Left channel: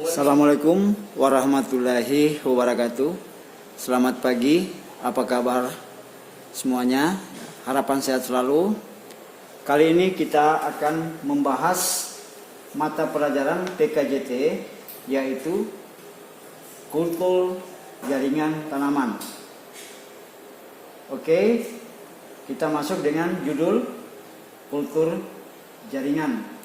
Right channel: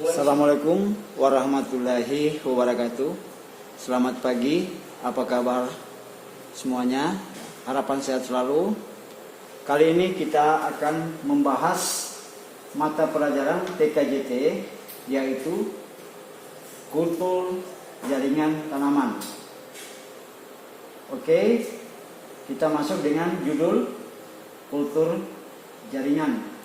Assalamualaikum warahmatullahi wabarakatuh. Selamat pagi, apa kabar semuanya? Harapan sehat selalu. Kali ini kita akan membahas mata pelajaran PKJT, yaitu kultur jaringan tanaman. Oke, kita masuk dengan judul kultur jaringan.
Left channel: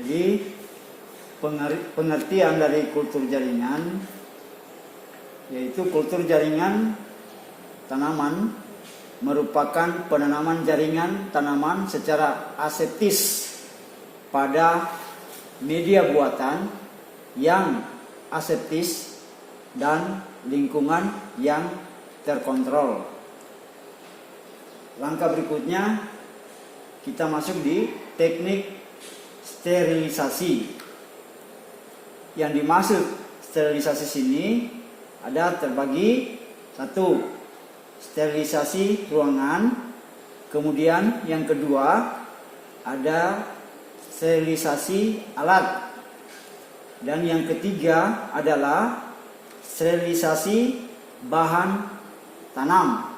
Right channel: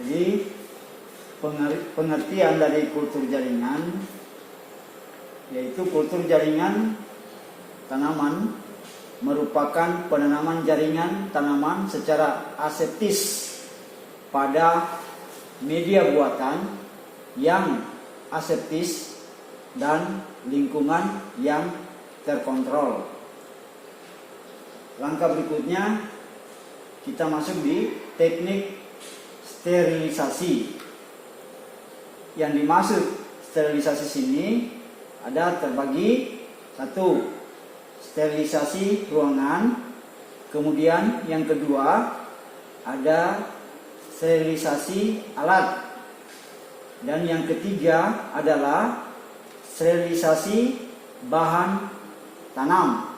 Jadi pengertian dari kultur jaringan, yaitu kultur jaringan tanaman merupakan penanaman jaringan tanaman secara aseptis pada media buatan yang aseptis dan lingkungan yang terkontrol. Langkah berikutnya kita masuk di teknik sterilisasi. Yang dimaksud sterilisasi sini ada terbagi: satu, sterilisasi ruangan, kemudian yang kedua ada sterilisasi alat, dan yang ketiga adalah sterilisasi bahan tanam.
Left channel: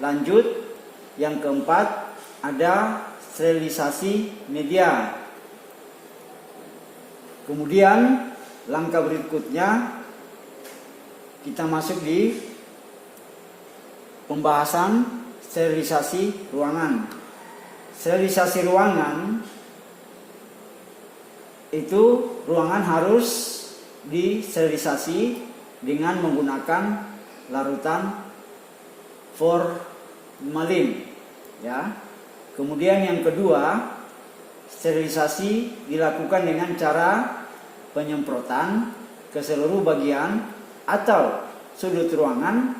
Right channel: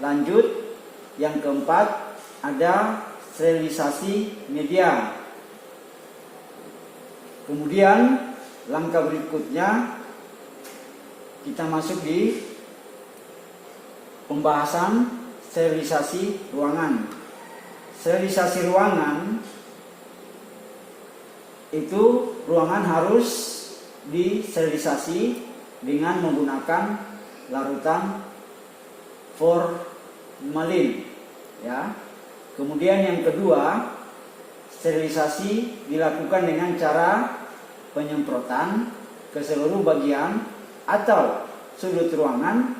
Lanjut, yang keempat ada sterilisasi media. Kemudian langkah berikutnya kita masuk di pembahasan sterilisasi ruangan. Sterilisasi ruangan itu ruangan harus disterilisasi dengan menggunakan larutan formalin, ya. Kemudian yang kedua, sterilisasi dilakukan dengan cara penyemprotan ke seluruh bagian atau sudut ruangan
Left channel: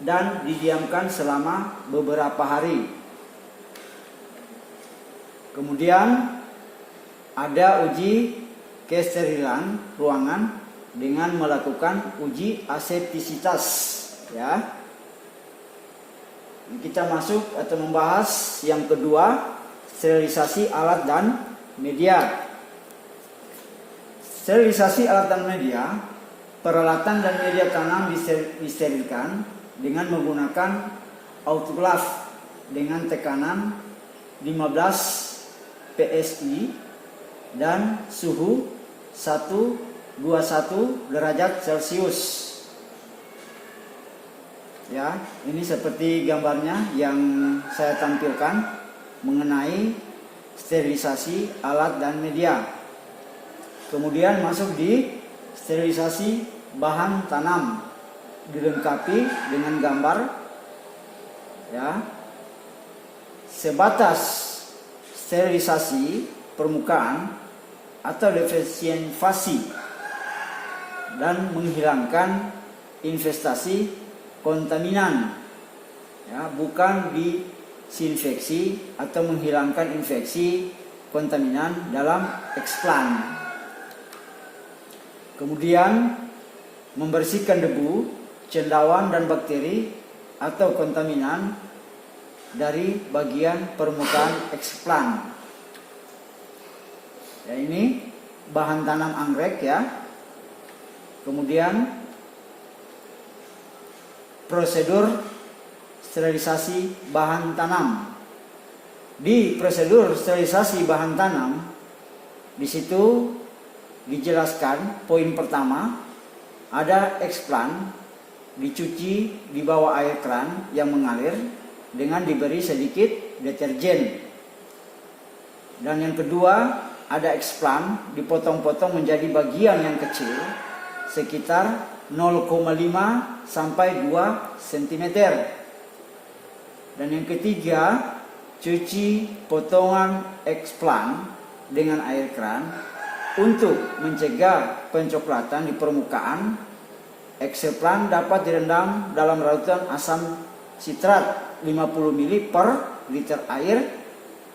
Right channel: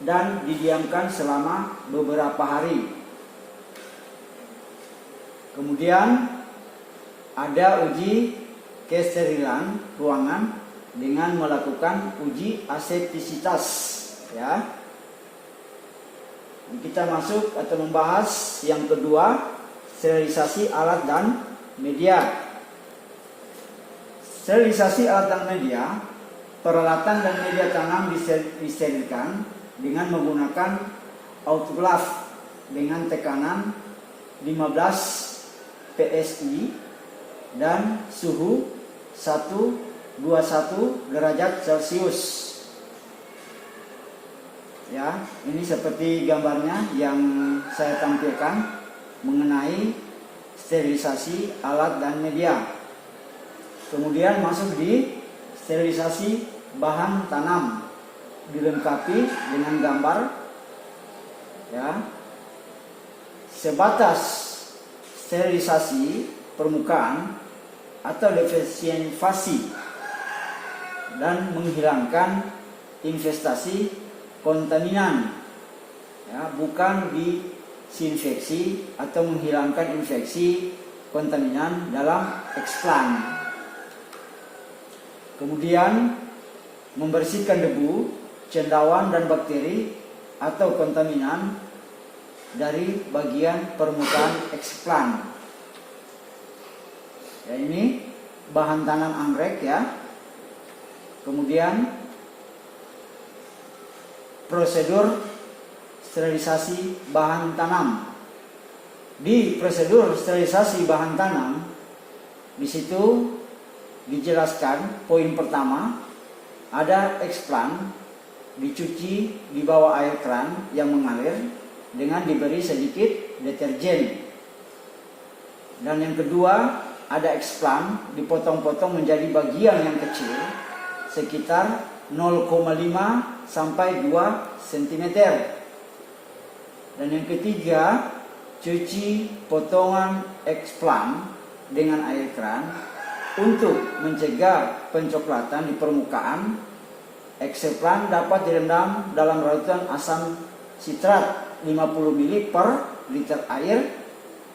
dan didiamkan selama beberapa hari. Kemudian ada uji kesterilan ruangan dengan melakukan uji aseptisitas, ya. Kita masuk atau membahas yang kedua, sterilisasi alat dan media. Sterilisasi alat dan media, peralatan dan media tanam disterilkan dengan menggunakan autoklaf dengan tekanan 15 PSI dan suhu 121 derajat Celcius. Ya, ini seperti gambarnya yang saya tampilkan mengenai sterilisasi alat dan media. Kemudian masuk di sterilisasi bahan tanam, dilengkapi dengan gambar, ya. Sebatas sterilisasi permukaan atau desinfeksi dan menghilangkan investasi kontaminan, ya, bukan disinfeksi atau menghilangkan infeksi kontaminan dalam eksplan. Kemudian membersihkan debu, cendawan dan bakteri atau kontaminan dari bagian permukaan eksplan. Ya, ini bahan tanam anggrek, ya. Kemudian prosedur sterilisasi bahan tanam. Di prosedur sterilisasi bahan tanam, di situ dijelaskan poin pertama, ada eksplan dicuci di bawah air keran yang mengalir dengan diberi sedikit deterjen. Dan yang kedua, ada eksplan dipotong-potong menjadi bagian yang kecil sekitar 0,5 sampai 2 cm. Dan yang ketiga, cuci potongan eksplan dengan air keran untuk mencegah pencoklatan di permukaan. Eksplan dapat direndam dalam larutan asam sitrat 50 ml per liter air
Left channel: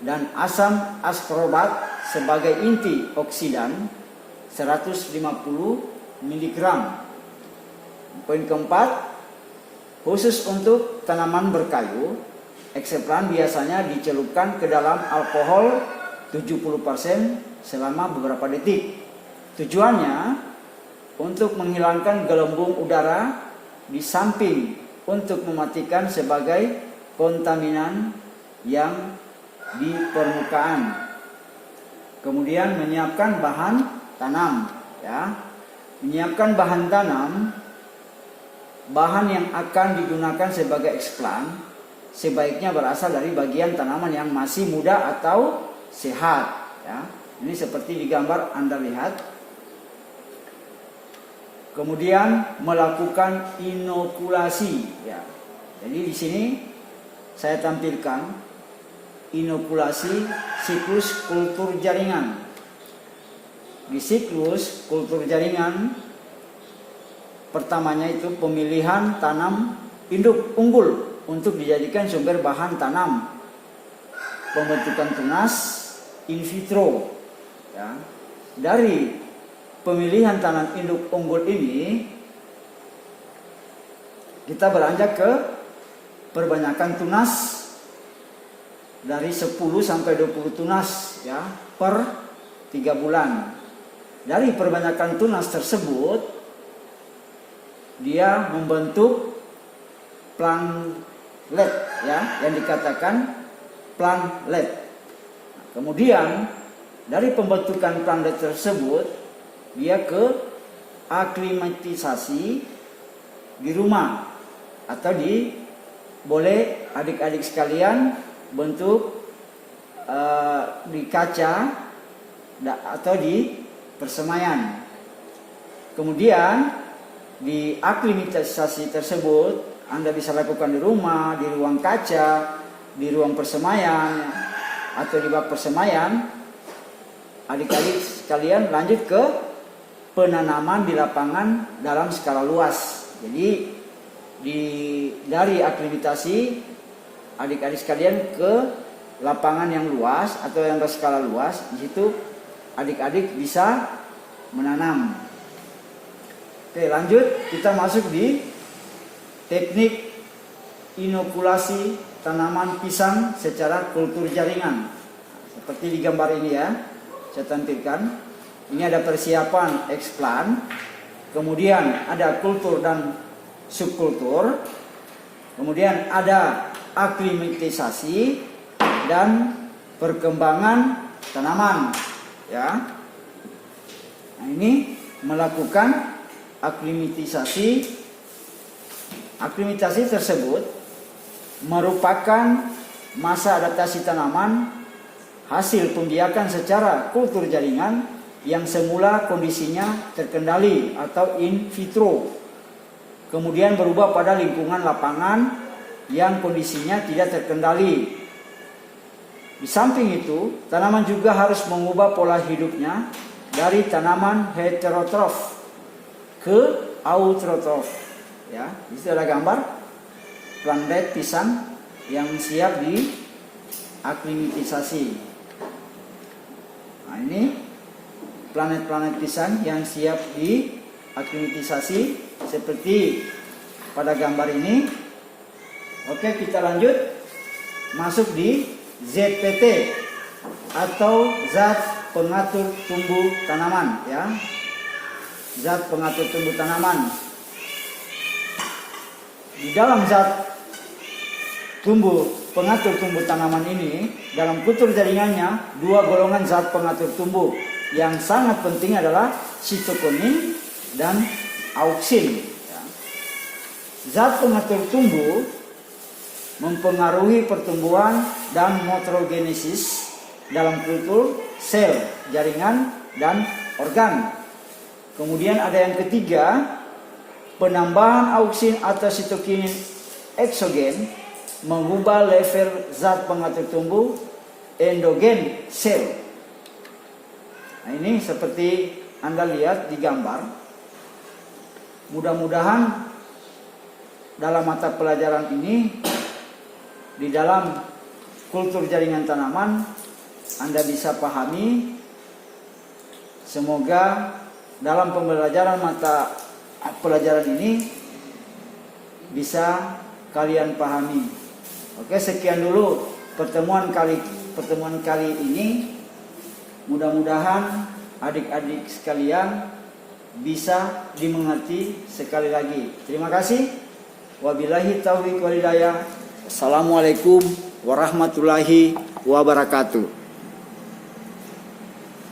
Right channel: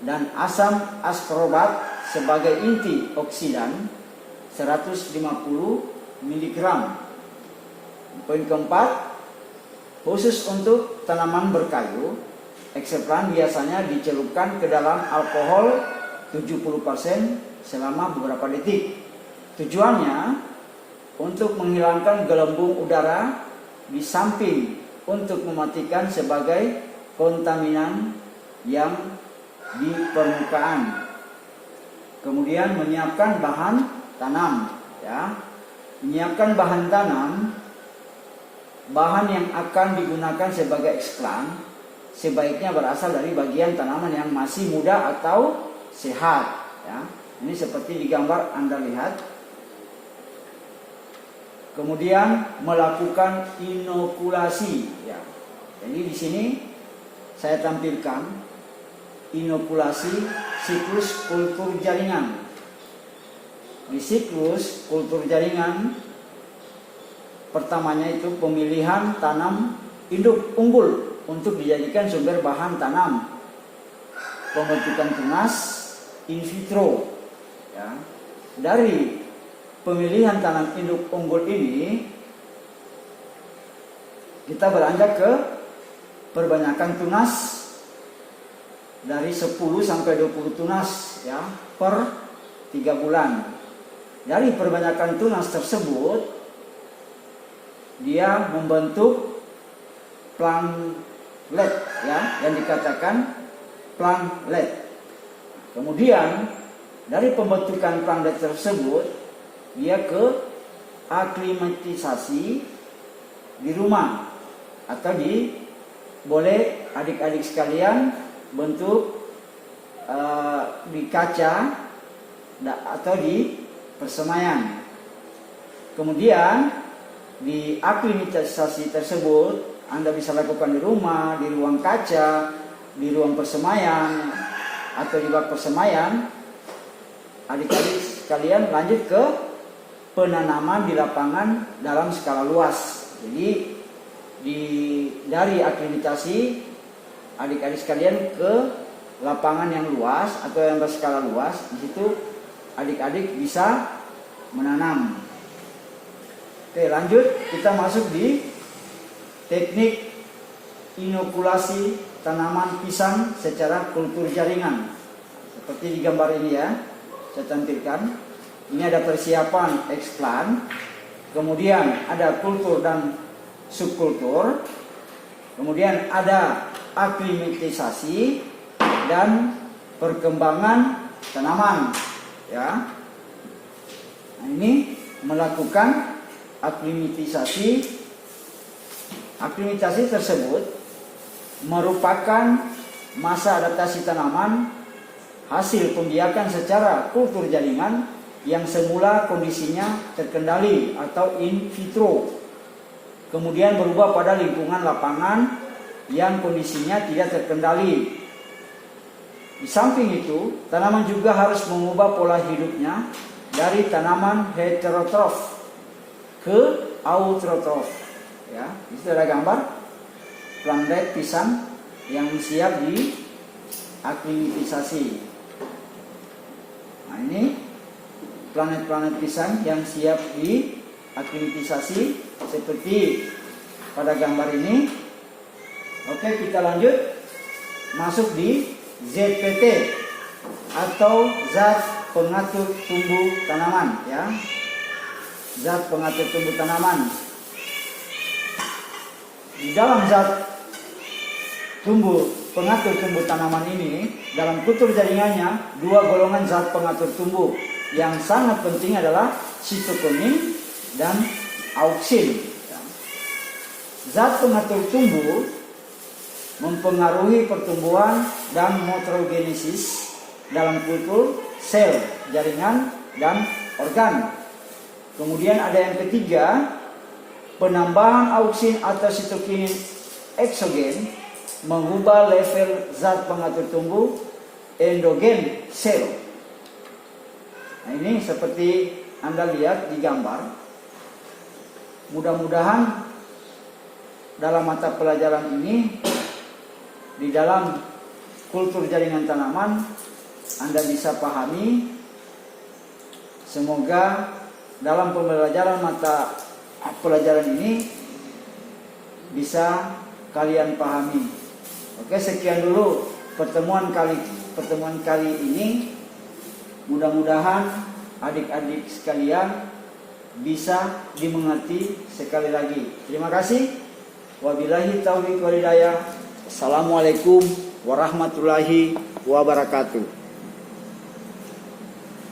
dan asam askorbat sebagai inti oksidan 150 mg. Poin keempat, Khusus untuk tanaman berkayu, ekseplan biasanya dicelupkan ke dalam alkohol 70% selama beberapa detik. Tujuannya untuk menghilangkan gelembung udara di samping untuk mematikan sebagai kontaminan yang di permukaan. Kemudian menyiapkan bahan tanam, ya. Menyiapkan bahan tanam, bahan yang akan digunakan sebagai eksplan sebaiknya berasal dari bagian tanaman yang masih muda atau sehat, ya. Ini seperti di gambar Anda lihat. Kemudian melakukan inokulasi, ya. Jadi di sini saya tampilkan inokulasi siklus kultur jaringan. Di siklus kultur jaringan pertamanya itu pemilihan tanam induk unggul untuk dijadikan sumber bahan tanam, pembentukan tunas in vitro, ya. Dari pemilihan tanam induk unggul ini kita beranjak ke perbanyakan tunas dari 10 sampai 20 tunas, ya, per 3 bulan. Dari perbanyakan tunas tersebut dia membentuk plantlet, ya, yang dikatakan plantlet. Kemudian dari pembentukan plantlet tersebut dia ke aklimatisasi di rumah atau boleh adik-adik sekalian bentuk di kaca atau di persemaian. Kemudian di aklimatisasi tersebut Anda bisa lakukan di rumah, di ruang kaca, di ruang persemaian atau di bak persemaian. Adik-adik sekalian lanjut ke penanaman di lapangan dalam skala luas. Jadi dari aklimatasi adik-adik sekalian ke lapangan yang luas atau yang berskala luas, di situ adik-adik bisa menanam. Oke, lanjut kita masuk di teknik inokulasi tanaman pisang secara kultur jaringan. Seperti di gambar ini, ya, saya tampilkan. Ini ada persiapan eksplan, kemudian ada kultur dan subkultur, kemudian ada aklimatisasi dan perkembangan tanaman, ya. Nah, ini melakukan aklimatisasi tersebut merupakan masa adaptasi tanaman hasil pembiakan secara kultur jaringan yang semula kondisinya terkendali atau in vitro, kemudian berubah pada lingkungan lapangan yang kondisinya tidak terkendali. Di samping itu, tanaman juga harus mengubah pola hidupnya dari tanaman heterotrof ke autotrof, ya. Di sini ada gambar plantlet pisang yang siap di aklimatisasi. Nah, ini planet-planet pisang yang siap di aklimatisasi seperti pada gambar ini. Oke, kita lanjut masuk di ZPT atau zat pengatur tumbuh tanaman, ya. Zat pengatur tumbuh tanaman. Di dalam zat pengatur tumbuh tanaman ini, dalam kultur jaringannya, dua golongan zat pengatur tumbuh yang sangat penting adalah sitokin dan auksin. Zat pengatur tumbuh mempengaruhi pertumbuhan dan morfogenesis dalam kultur, sel, jaringan, dan organ. Kemudian ada yang ketiga, penambahan auksin atau sitokin eksogen mengubah level zat pengatur tumbuh endogen sel. Nah, ini seperti Anda lihat di gambar. Mudah-mudahan dalam mata pelajaran ini, di dalam kultur jaringan tanaman, Anda bisa pahami. Semoga dalam pembelajaran mata pelajaran ini bisa kalian pahami. Oke, sekian dulu pertemuan kali ini. Mudah-mudahan adik-adik sekalian bisa dimengerti sekali lagi. Terima kasih. Wabillahi taufiq wal hidayah. Assalamualaikum warahmatullahi wabarakatuh.